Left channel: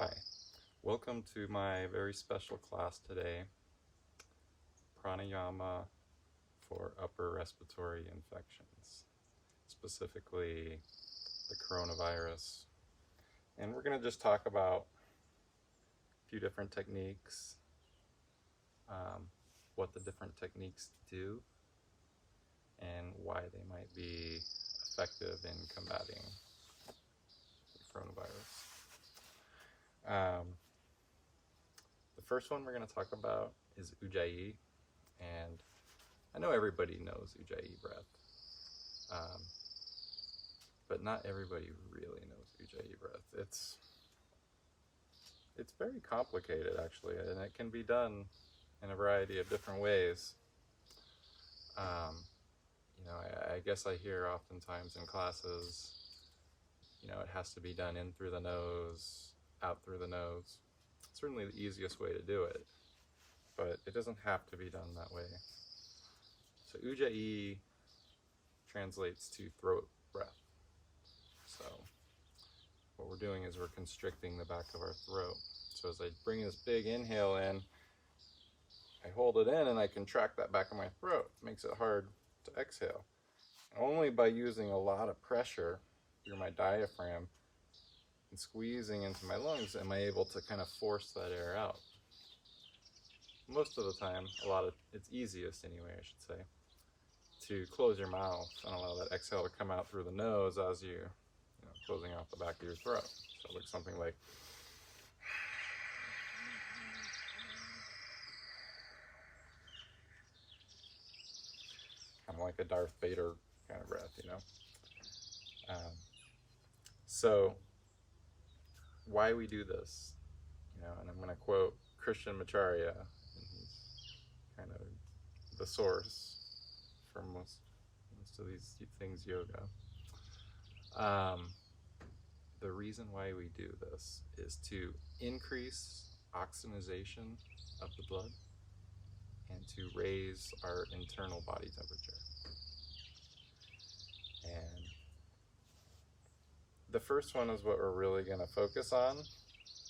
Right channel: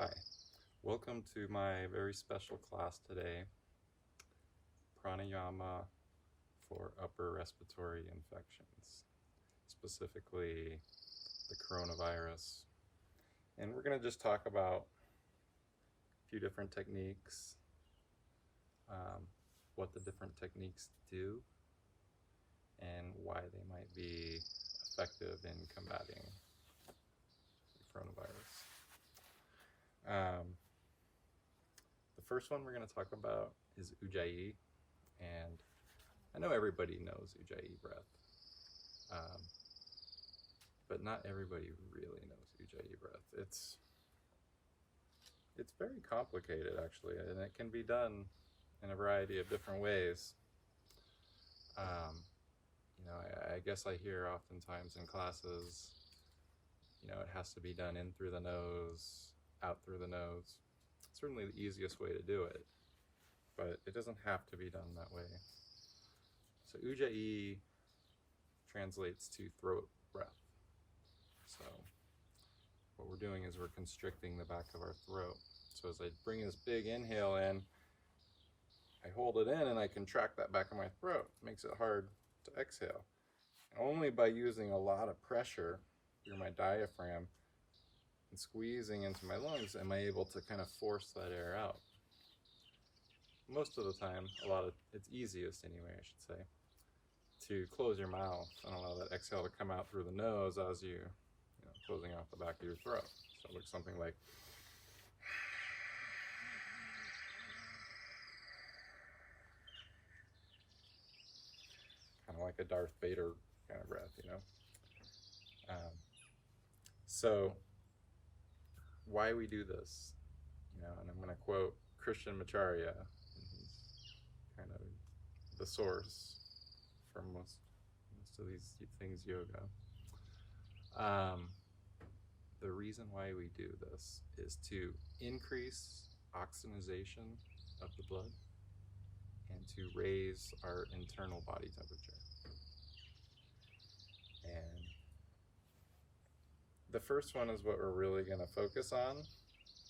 Hi, welcome to my very special class today, pranayama for upper respiratory infections, specifically the coronavirus. And we're going to just talk about a few different techniques, what the different techniques do, and why they might be effective in combating the coronavirus. The first one we're going to talk about is Ujjayi, and I know everybody knows Ujjayi breath, but not everybody really knows Ujjayi breath. It's very complicated actually, and it can be done in a variety of different ways. I guess I hear oftentimes in classes, it has to be done in through the nose, out through the nose. It's certainly the easiest way to do it, but it doesn't have to be done that way. So Ujjayi translates to throat breath. So what we're doing is we're constricting the back of our throat. So as I bring this big inhale in, I hold it in and I contract that back of my throat. It makes it hard to exhale. Only by using a lot of pressure through my diaphragm and squeezing into my lungs am I able to kind of force that air out. Most of the time, it's easiest anyway, I should say, to close your mouth and allow that exhale to come out through the nose as you closing off the back of your throat. So it looks something like kind of like a Darth Vader kind of breath, So why we do this, and I'm going to quote Christian Macharya, and he's kind of the source for most of these things yoga. The reason why we do this is to increase oxygenation of the blood and to raise our internal body temperature. And the first one is what we're really going to focus on,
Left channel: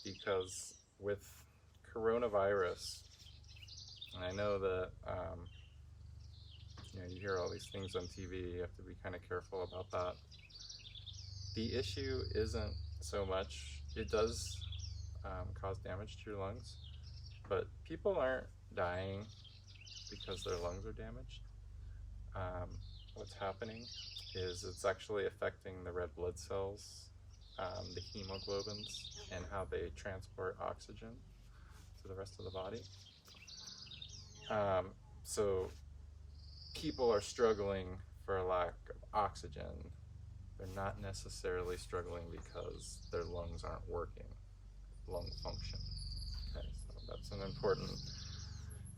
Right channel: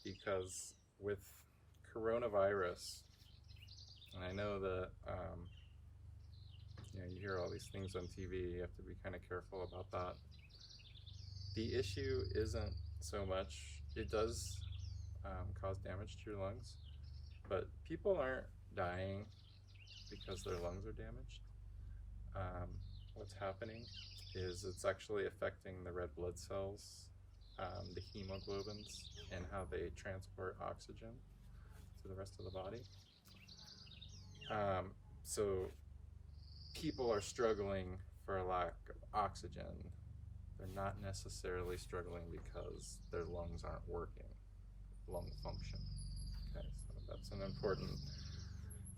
because with coronavirus, and I know that you hear all these things on TV, you have to be kind of careful about that. The issue isn't so much, it does cause damage to your lungs, but people aren't dying because their lungs are damaged. What's happening is it's actually affecting the red blood cells, the hemoglobins, and how they transport oxygen to the rest of the body. So people are struggling for a lack of oxygen. They're not necessarily struggling because their lungs aren't working, lung function. Okay, so that's an important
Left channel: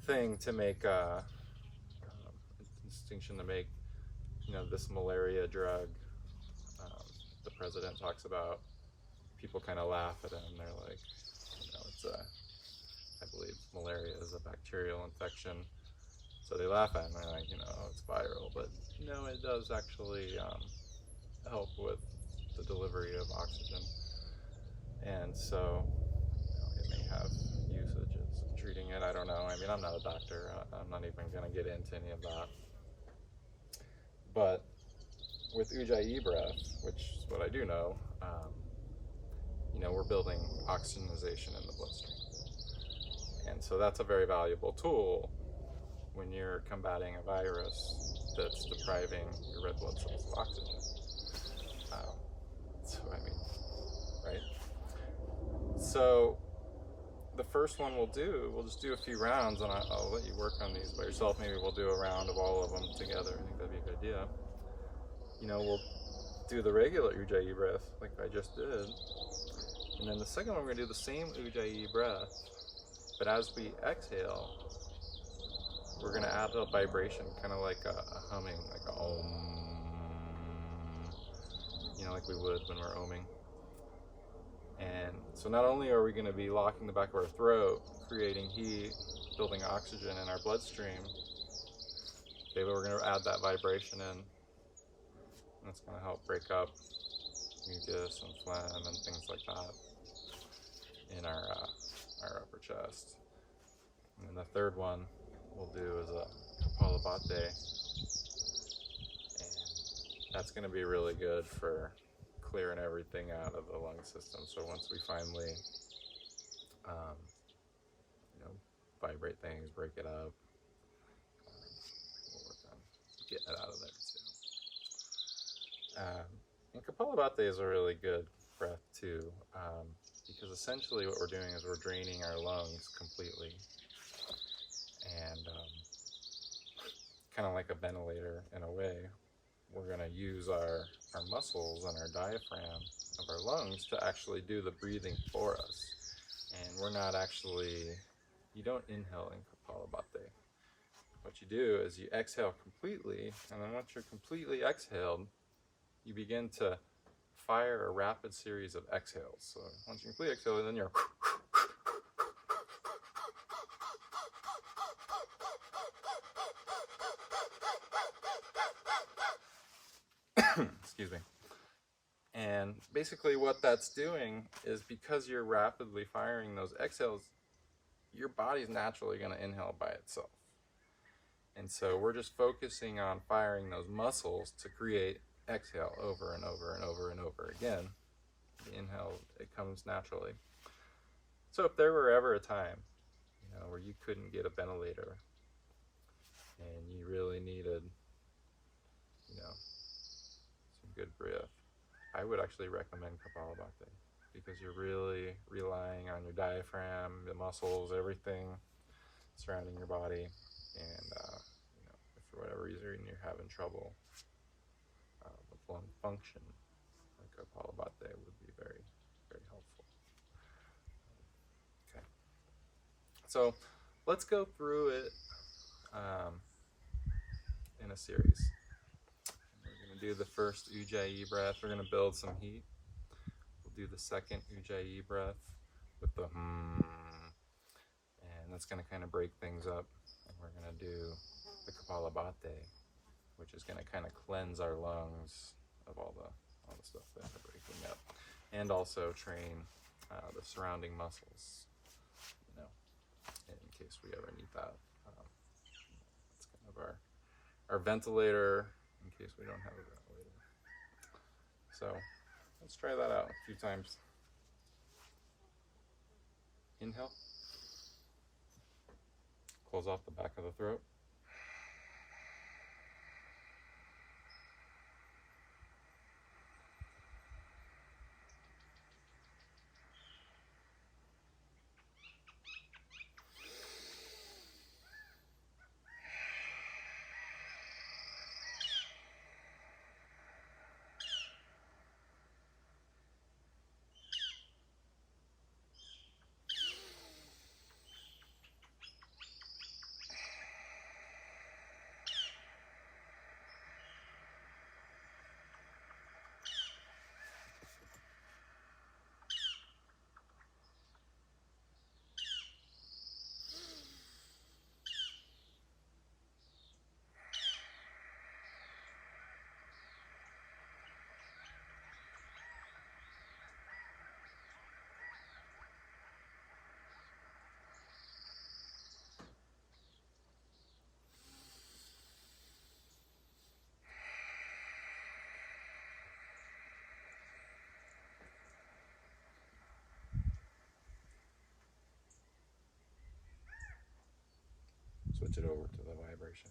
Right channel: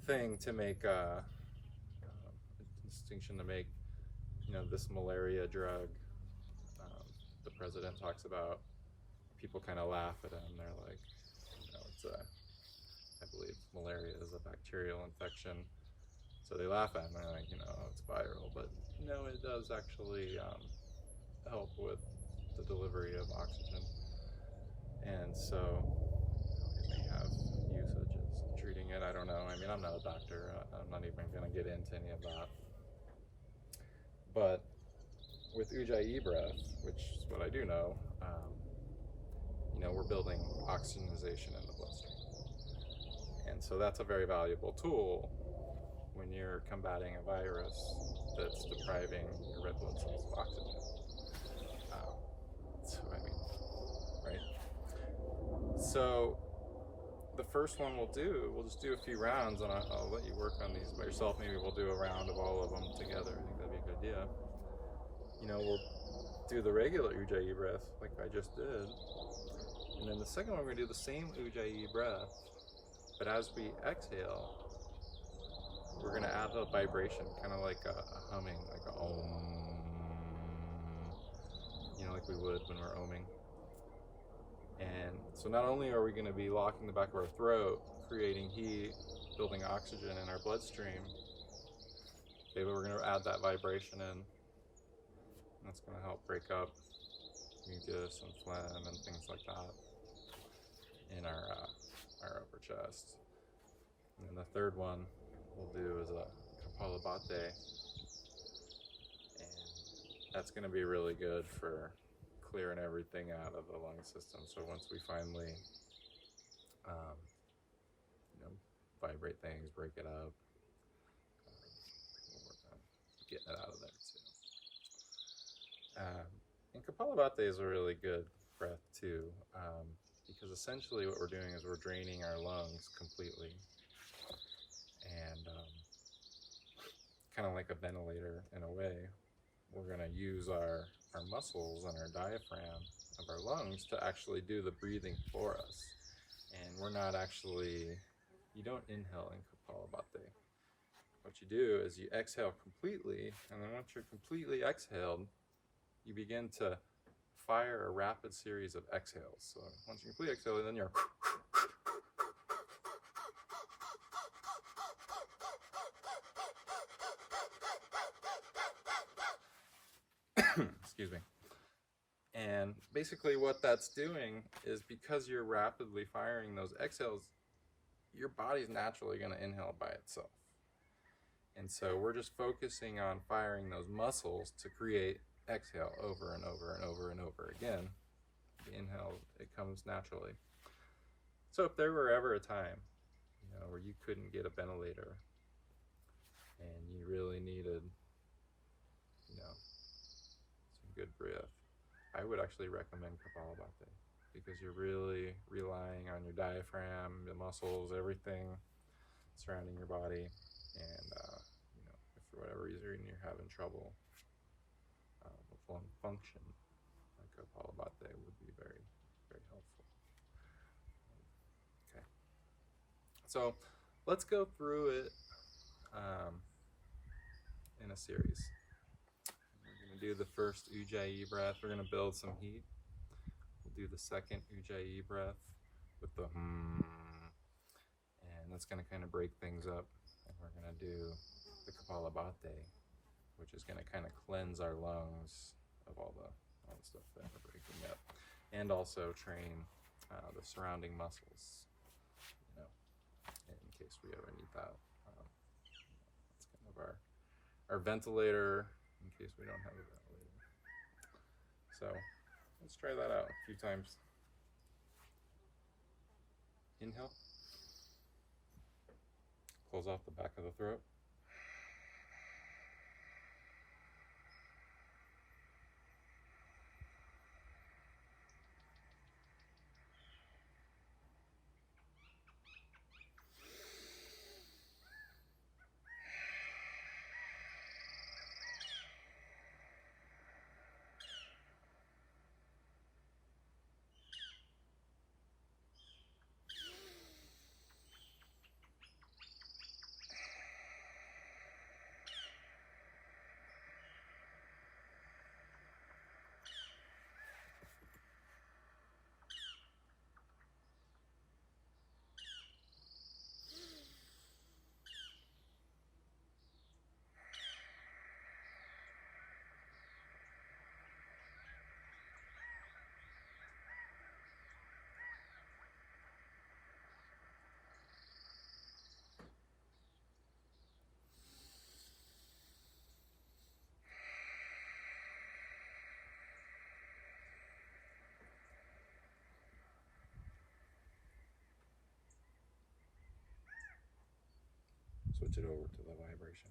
thing to make, a distinction to make. This malaria drug, the president talks about, people kind of laugh at him. They're like, I believe malaria is a bacterial infection. So they laugh at him, they're like, it's viral, but no, it does actually help with the delivery of oxygen. And so it may have usages in treating it. I don't know. I mean, I'm not a doctor. I'm not even going to get into any of that. But with Ujjayi breath, which is what I do know, we're building oxygenization in the bloodstream. And so that's a very valuable tool when you're combating a virus that's depriving your red blood cells of oxygen. Right? So the first one we'll just do a few rounds, and I'll let you work on these by yourself. Maybe we'll do a round of all of them together. I think that'd be a good idea. We'll do the regular Ujjayi breath like I just did. And then the second one, we're going to do the same Ujjayi breath, but as we exhale, we're going to add a vibration, kind of like a humming, like a om, like we would when we're oming. And so not only are we going to be locking the back of our throat, creating heat, building oxygen in our bloodstream, maybe we're going to add that vibration in. And that's going to help break up mucus and phlegm and things like that. in our upper chest. And then the third one we'll do is a Kapalabhati, and that's going to be really good for clearing everything out of the lung system. So once we finally, you know, vibrate things, break it up, we'll work on getting it out of there too. And Kapalabhati is a really good breath too, because essentially what we're doing is we're draining our lungs completely, and kind of like a ventilator in a way, we're going to use our muscles and our diaphragm of our lungs to actually do the breathing for us. And we're not actually, you don't inhale in Kapalabhati. What you do is you exhale completely, and then once you're completely exhaled, you begin to fire a rapid series of exhales. So once you completely exhale, then you're excuse me. And basically what that's doing is, because you're rapidly firing those exhales, your body's naturally going to inhale by itself. And so we're just focusing on firing those muscles to create exhale over and over and over and over again. The inhale, it comes naturally. So if there were ever a time, you know, where you couldn't get a ventilator and you really needed, you know, some good breath, I would actually recommend Kapalabhati, because you're really relying on your diaphragm, the muscles, everything surrounding your body. And you know, if for whatever reason you're having trouble with lung function, like Kapalabhati would be very, very helpful. Okay, so let's go through it in a series. We're going to do the first Ujjayi breath. We're going to build some heat. We'll do the second Ujjayi breath with the and that's going to kind of break things up. And we're going to do the Kapalabhati, which is going to kind of cleanse our lungs of all the stuff that we're breaking up, and also train the surrounding muscles, you know, in case we ever need that. That's kind of our ventilator in case we don't have a ventilator. So let's try that out a few times. Inhale. Close off the back of the throat. Switch it over to the vibration.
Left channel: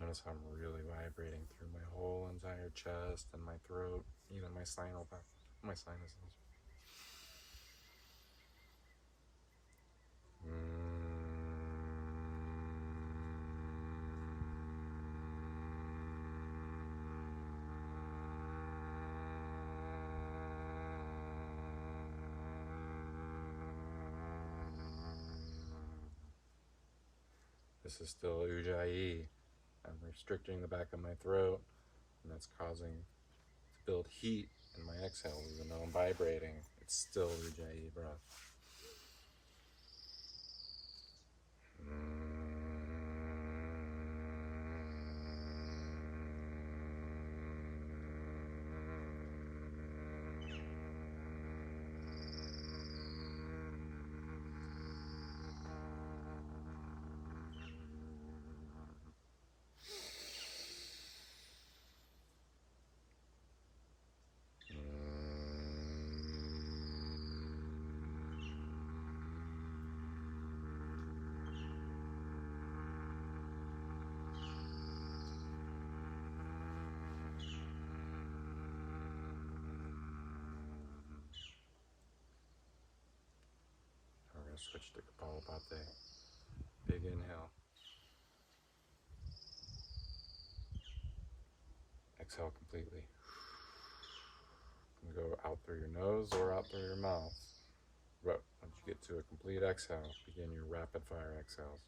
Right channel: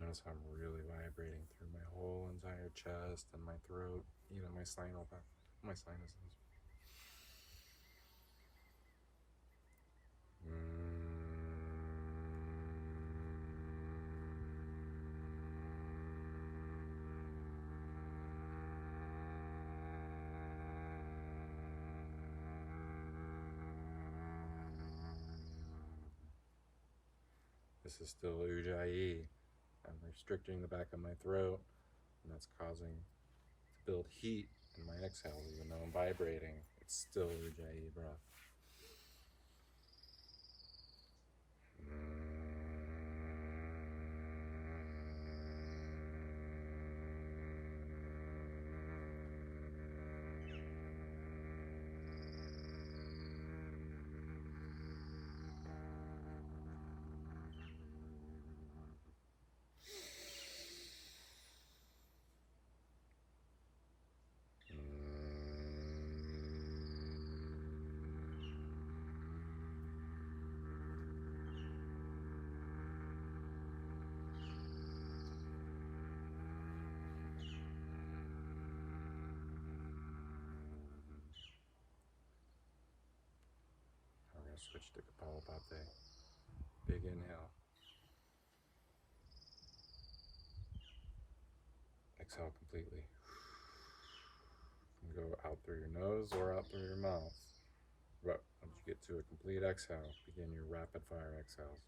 Notice how I'm really vibrating through my whole entire chest and my throat, even my sinuses. This is still ujjayi. I'm restricting the back of my throat, and that's causing to build heat in my exhales. Even though I'm vibrating, it's still ujjayi breath. We're going to switch to Kapalabhati. Big inhale. Exhale completely. And go out through your nose or out through your mouth. But once you get to a complete exhale, begin your rapid fire exhales.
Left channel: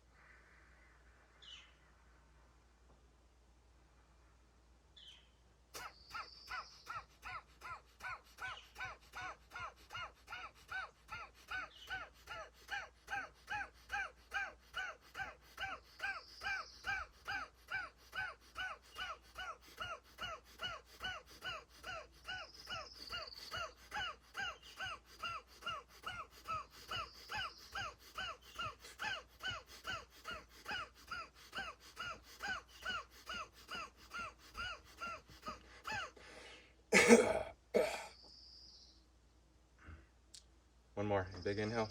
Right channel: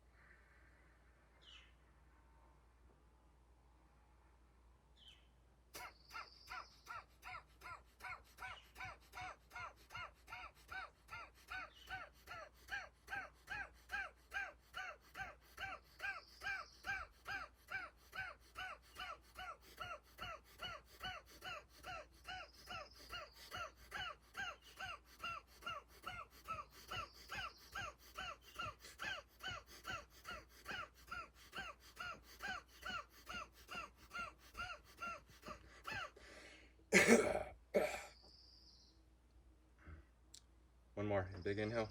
One more. Big inhale.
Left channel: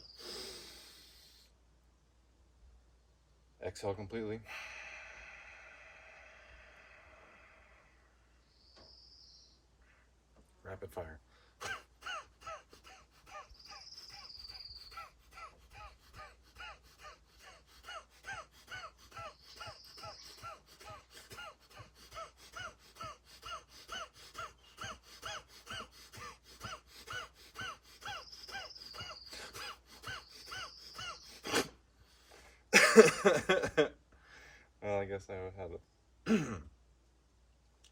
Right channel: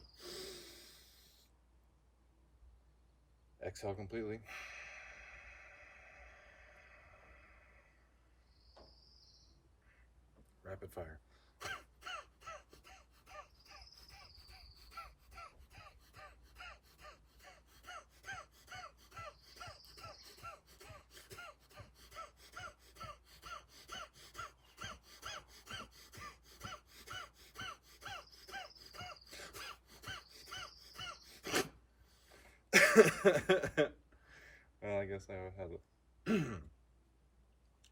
Exhale completely. Rapid fire. Well, I guess I had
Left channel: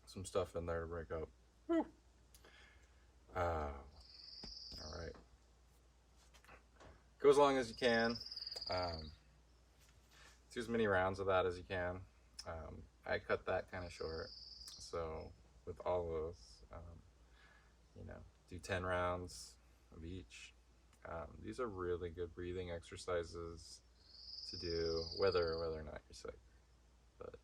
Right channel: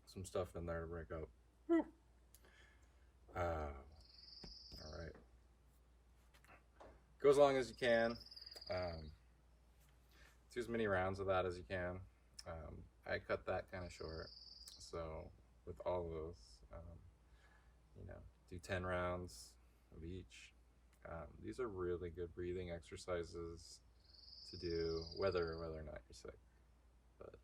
some stuff in there to break up. All right. Go as long as you can. Do as many rounds of that as you can. I cut that kind of short. So with all those, do 10 rounds of each. These are really good breathing exercises to do whether or not you're sick. But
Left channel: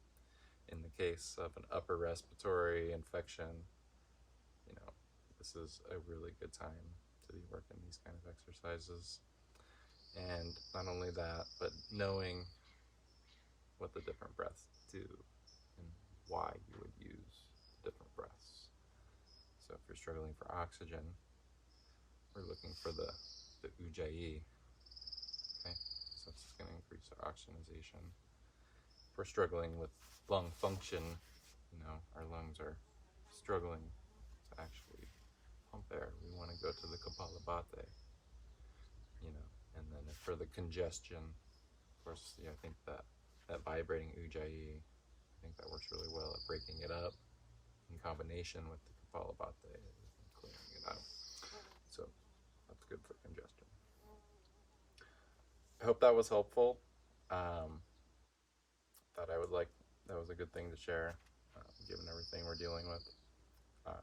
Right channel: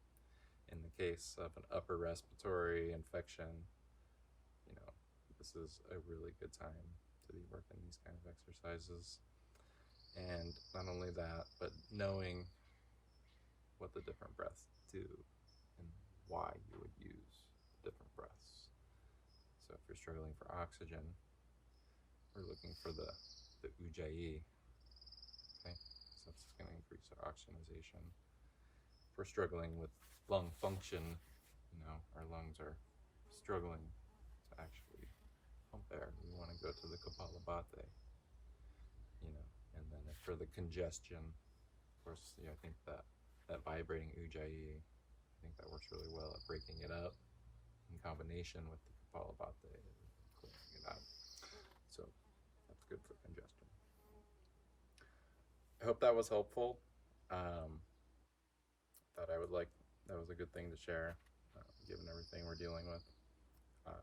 in the case of an upper respiratory infection, this is a really good time to be working these kind of exercises. And not only that, but knowing what the different breaths do and why you would use the different breaths. So if you're struggling for oxygen, we're looking for the ujjayi. Okay, so that's going to increase our oxygenization. If we're struggling with lung function, our lungs are struggling to actually pump air, we want to go to the Kapalabhati. And then for the congestion, of course, I think that vibrating ujjayi, I think that works really well at breaking it up in combination with the Kapalabhati and clearing it out. So that's good for congestion. I hope that was helpful. That was a good thing to share, given everything we're dealing with. So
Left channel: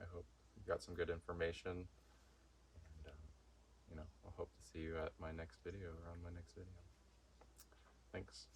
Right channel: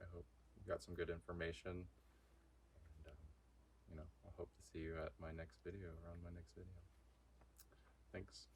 I hope you got some good information, and I'll hope to see you at my next video or on my next video. Thanks.